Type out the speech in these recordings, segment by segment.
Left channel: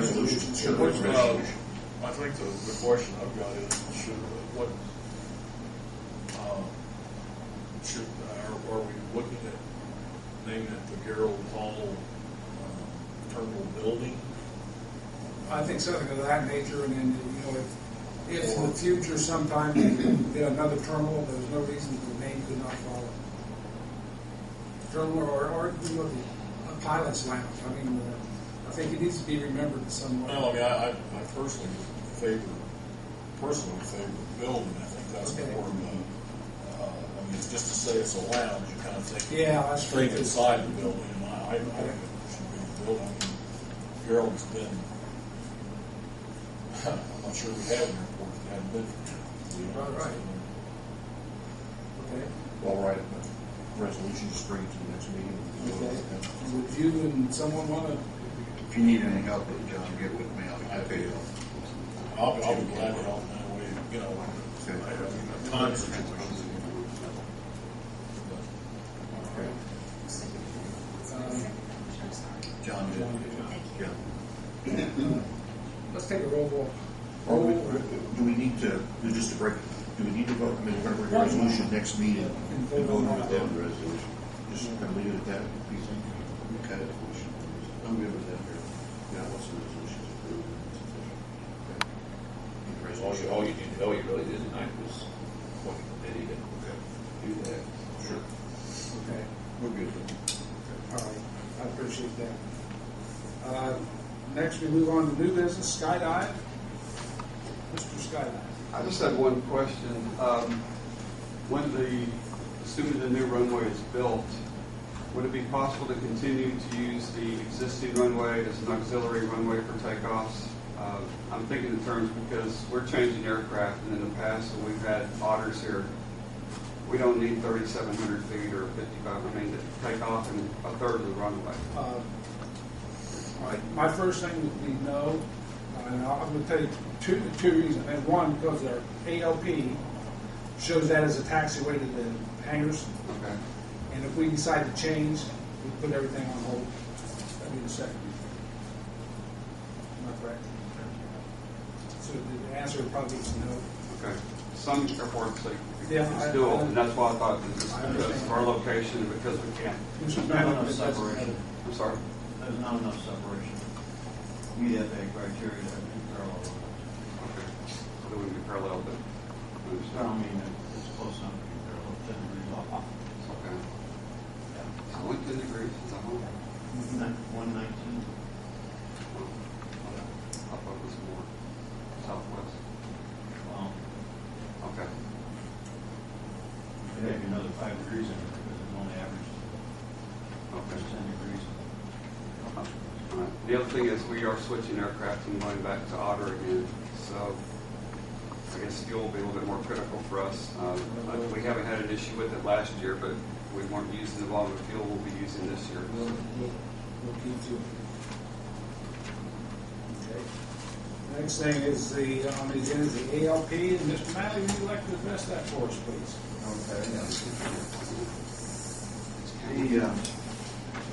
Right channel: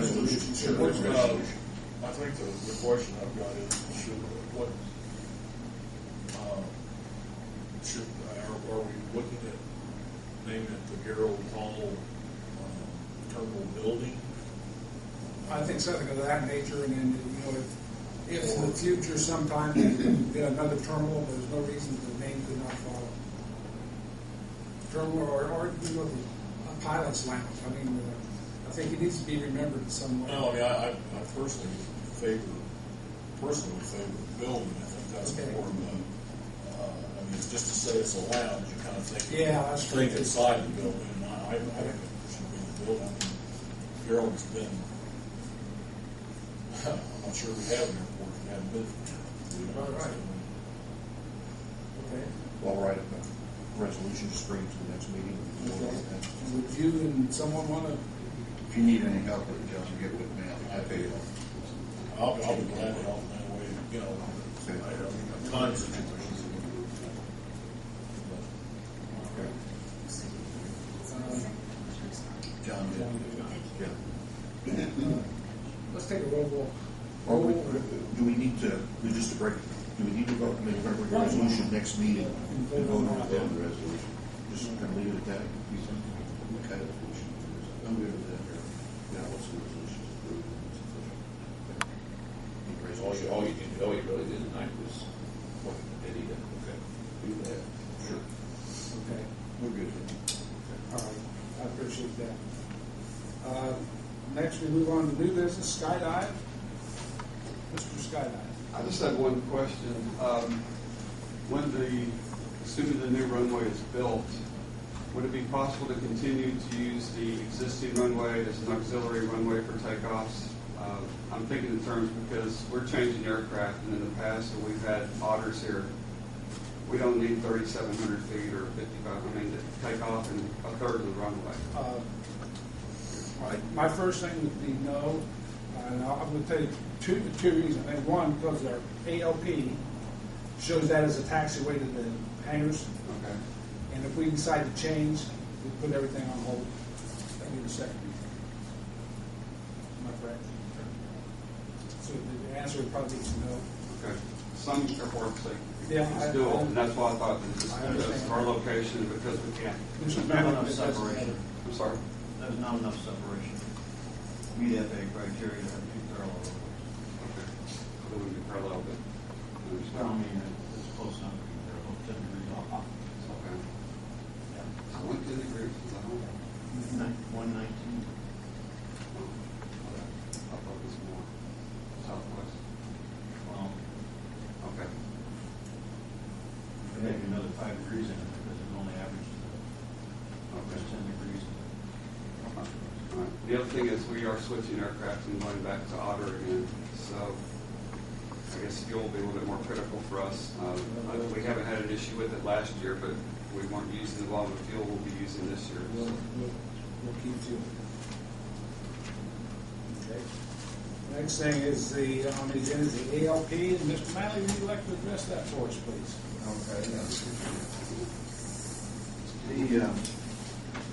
resolution. Sure. Resolution. I think the question I've got is, are we looking at naming it the Gerald Hall terminal building? I think something of that nature, and then, you know, if in the future sometime we get another terminal, there's no reason the name could not follow. Terminal or you know, a pilot's lounge. I mean, I think it needs to be remembered in some way. No, I mean, I personally favor building. I think that's Okay. more of a, I mean, just to say it's a lounge, you kind of think, Yeah, that's true. think inside the building, and I think it should be the building. I mean, Gerald's been, I'm not sure we have an airport if we haven't been for him. Right. Okay. Well, write a resolution, just bring it to the next meeting. Okay. Would you and someone want to? If you need any help with it, John, get with me. I'll be glad to help in that way, you know, I mean, time situations. John did. Yeah. Let's take a roll Or call. do we need to, just to break, do we need to vote, I mean, we're going to bring a resolution next meeting and vote on it then? The resolution. Just kind of leave it at that, you think? Okay. I'm good with that here. Yeah, once the resolution is approved, it's official. Okay. Need a resolution. All you really did tonight was what Eddie did. Okay. Do that. Sure. Okay. We're good. All right. I appreciate that. Next, we move on to new business, skydive. Mr. Skydive. I just had one question. Assuming the new runway is built, would it be possible to continue to use the existing runway as an auxiliary runway for takeoffs? I'm thinking in terms because we're changing aircraft, and in the past when we've had otters here, we don't need 3,700 feet or 55. I mean, to take off in a third of the runway. My first thing would be no. And I'm going to tell you two reasons. And one, because our ALP shows that as a taxiway to the hangars. Okay. And if we decide to change, we put everything on hold. That'd be the second reason. Am I correct? So the answer would probably be no. Okay. Some airports say Yeah, it's dual, and that's why I thought that just I because understand. our location, because we can't. Mr. Not Bennett, enough it doesn't separation. matter. I'm sorry. There's not enough separation. Meet FAA criteria to have two parallel lines. Okay. So they wouldn't be parallel, but I Well, I understand. mean, it's close enough to be parallel, 10 degrees off. Okay. Yeah. I went 10 degrees. Is that one? 119. I thought it was more southwest. Well, Okay. maybe another 5 degrees in it because it only averages Okay. 10 degrees. All right. The other thing is we are switching aircraft and going back to Otter again. So I guess fuel will be a little bit more critical for us. We haven't had an issue with it last year, but we weren't using the volume of fuel we'll be using this year. We'll keep to it. Okay. Next thing is on the agenda is the ALP, and Mr. Malley, would you like to address that for us, please? Okay.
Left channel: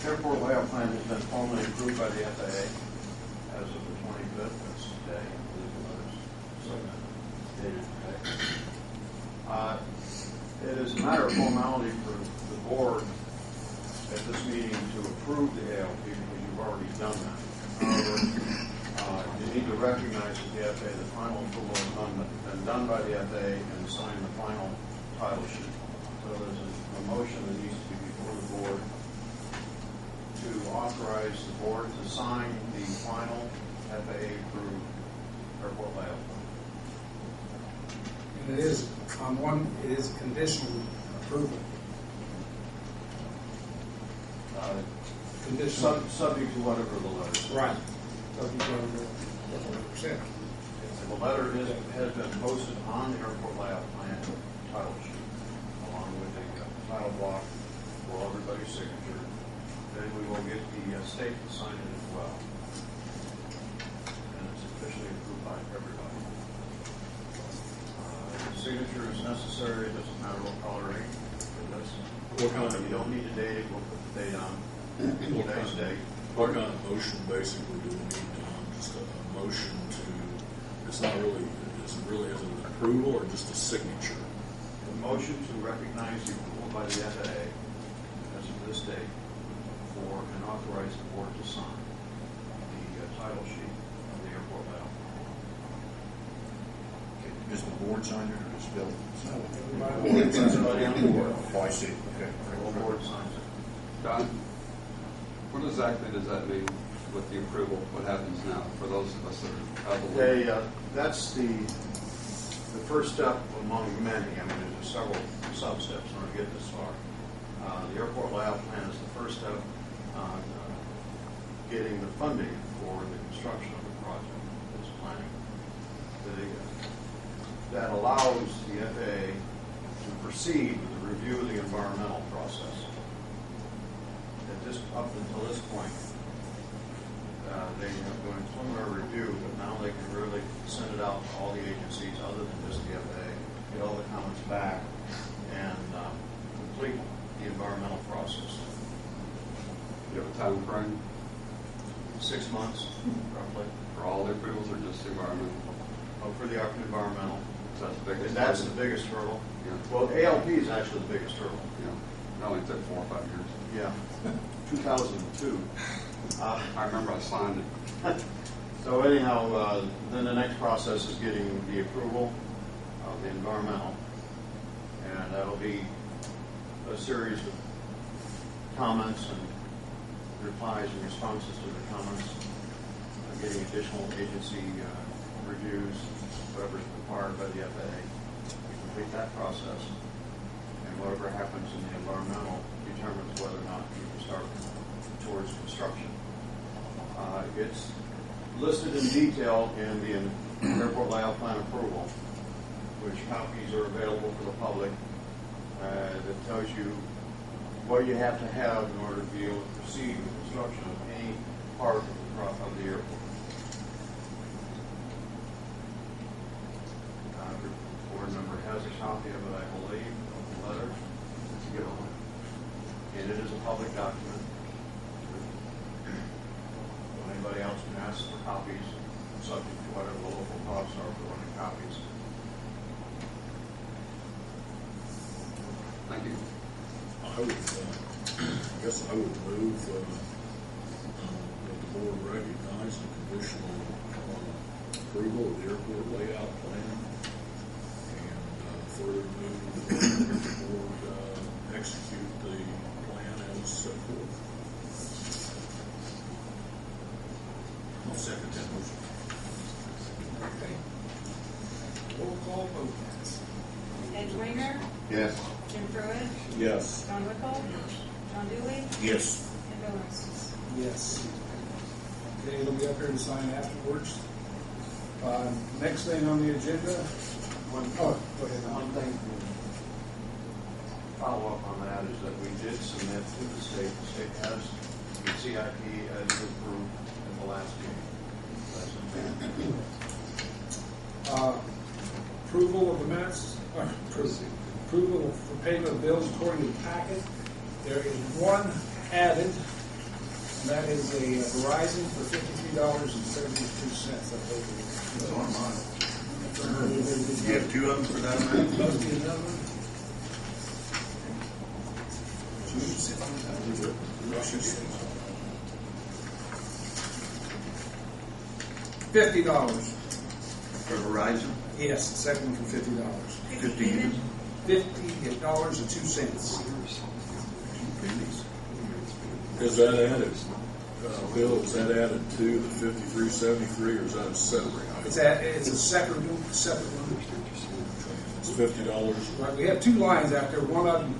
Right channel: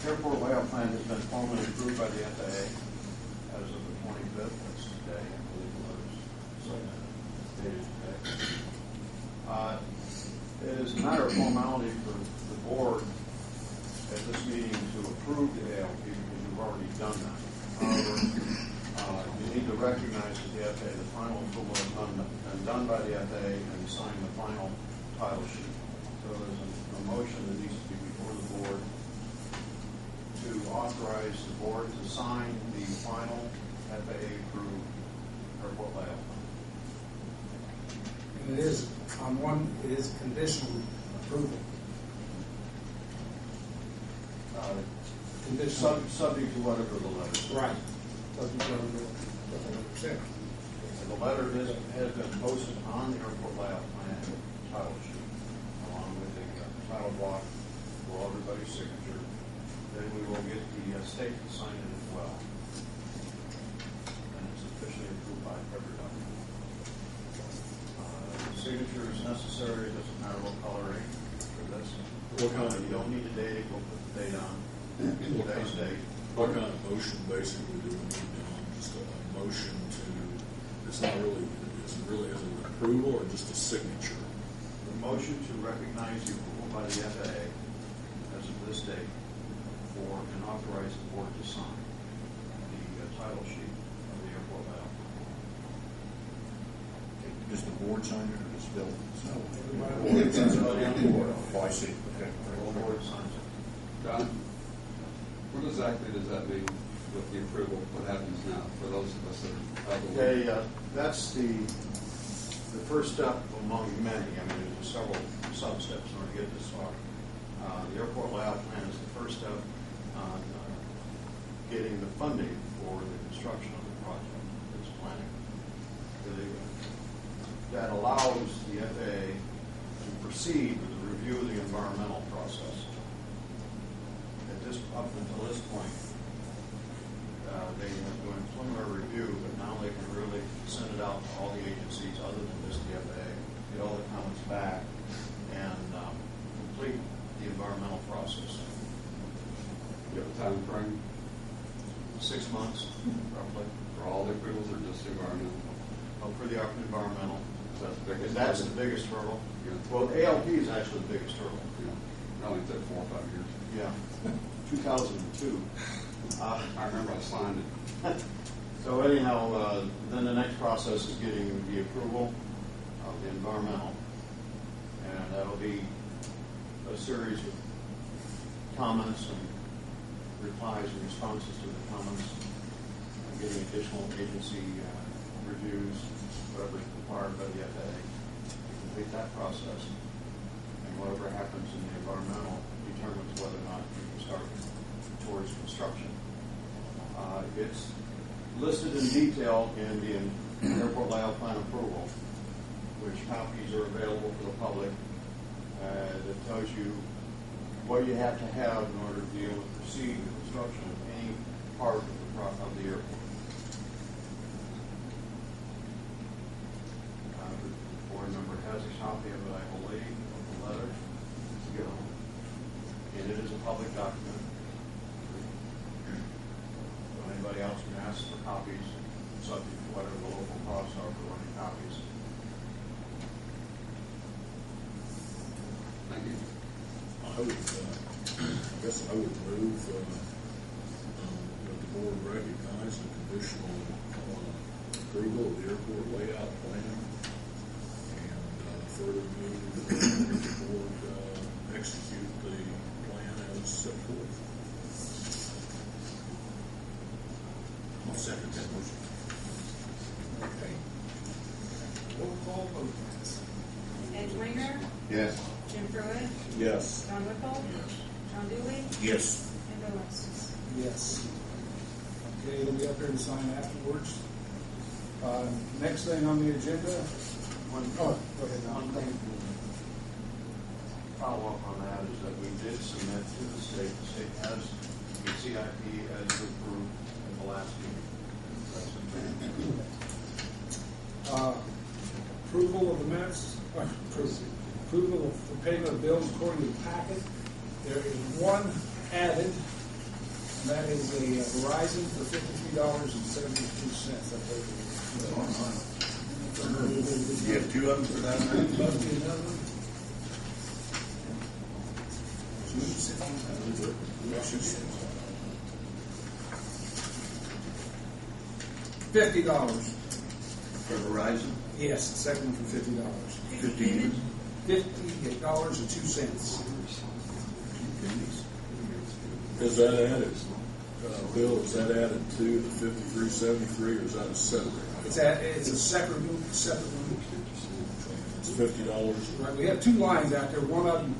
The airport layout plan has been formally approved by the FAA as of the 25th. That's today. I believe the letters dated today. It is a matter of formality for the board at this meeting to approve the ALP because you've already done that. However, you need to recognize that the FAA, the final approval has been done by the FAA and sign the final title sheet. So there's a motion that needs to be before the board to authorize the board to sign the final FAA-approved airport layout plan. And it is conditional approval. Conditional. Subject to whatever the letter says. Right. Subject to whatever percent. And the letter has been posted on the airport layout plan title sheet, along with a title block for everybody's signature. Then we will get the state to sign it as well. And it's officially approved by everybody. Signature is necessary. It doesn't matter what color ink for this. What kind of- You don't need to date it. We'll put the date on today's date. What kind of motion basically do we need on? Just a it's not really, is it really as an approval or just a signature? The motion to recognize the approval by the FAA as of this date for and authorize the board to sign the title sheet of the airport layout. Okay, does the board sign it or does Bill sign it? Everybody on the board. Oh, I see, okay. The board signs it. Don, what exactly does that mean with the approval? What happens now for those of us that are out of the loop? Okay, that's the first step among many. I mean, there's several sub-steps in order to get this far. The airport layout plan is the first step on getting the funding for the construction of the project. It's planning. That allows the FAA to proceed with the review of the environmental process. Up until this point, they have done preliminary review, but now they can really send it out to all the agencies other than just the FAA, get all the comments back, and complete the environmental process. Do you have a time frame 6 months, roughly. for all the approvals or just environmental? For the environmental. That's the biggest. That's the biggest hurdle. Yeah. Well, ALP is actually the biggest hurdle. Yeah, that only took 4 or 5 years. Yeah. 2002. I remember I signed it. So anyhow, then the next process is getting the approval of the environmental, and that'll be a series of comments and replies and responses to the comments, getting additional agency reviews, whatever's required by the FAA to complete that process, and whatever happens in the environmental determines whether or not you can start towards construction. It's listed in detail in the airport layout plan approval, which copies are available for the public, that tells you what you have to have in order to be able to proceed with construction of any part of the airport. The board member has a copy of it, I believe, of the letter. It's given, and it is a public document. Anybody else can ask for copies, subject to whatever the local costs are for running copies. Thank you. I guess I would move that the board recognize the conditional approval of the airport layout plan and further move that the board execute the plan as set forth. I'll second that motion. Okay. Roll call vote. Ed Winger, Yes. Jim Pruitt, Yes. John Whipple, John Dewey, Yes. and Bill Estes. Yes. Okay, it'll be up here to sign afterwards. Next thing on the agenda. Go ahead. Don. One thing to follow up on that is that we did submit to the state. The state has the CIP as approved at the last meeting. That's Approval of the minutes, approval for payment of bills according to the packet. There is one added, and that is a Verizon for $53.72, I think. You have 2 of them for that, man? Must be another one. $50. For Verizon? Yes, second one for $50. 50 units? $50.02. Is that added, Bill, is that added to the 5373 or is that a separate item? It's a separate one. It's $50. Right, we have 2 lines out there. One of them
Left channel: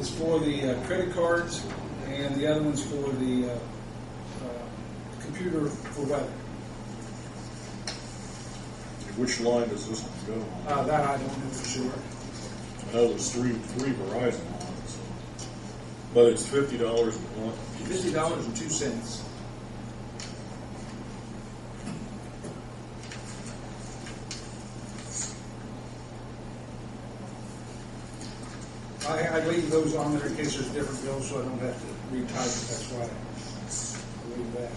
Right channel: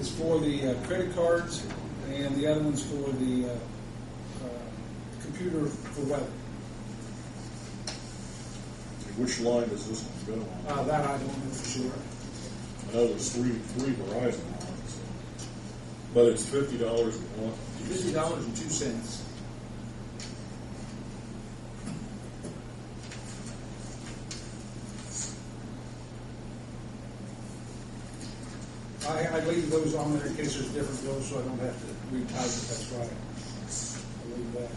is for the credit cards, and the other one's for the computer for weather. Which line does this one go on? That I don't know for sure. I know there's three Verizon lines, but it's $50 a month. $50.02. I leave those on there in case there's different bills, so I don't have to retype it. That's why I leave that.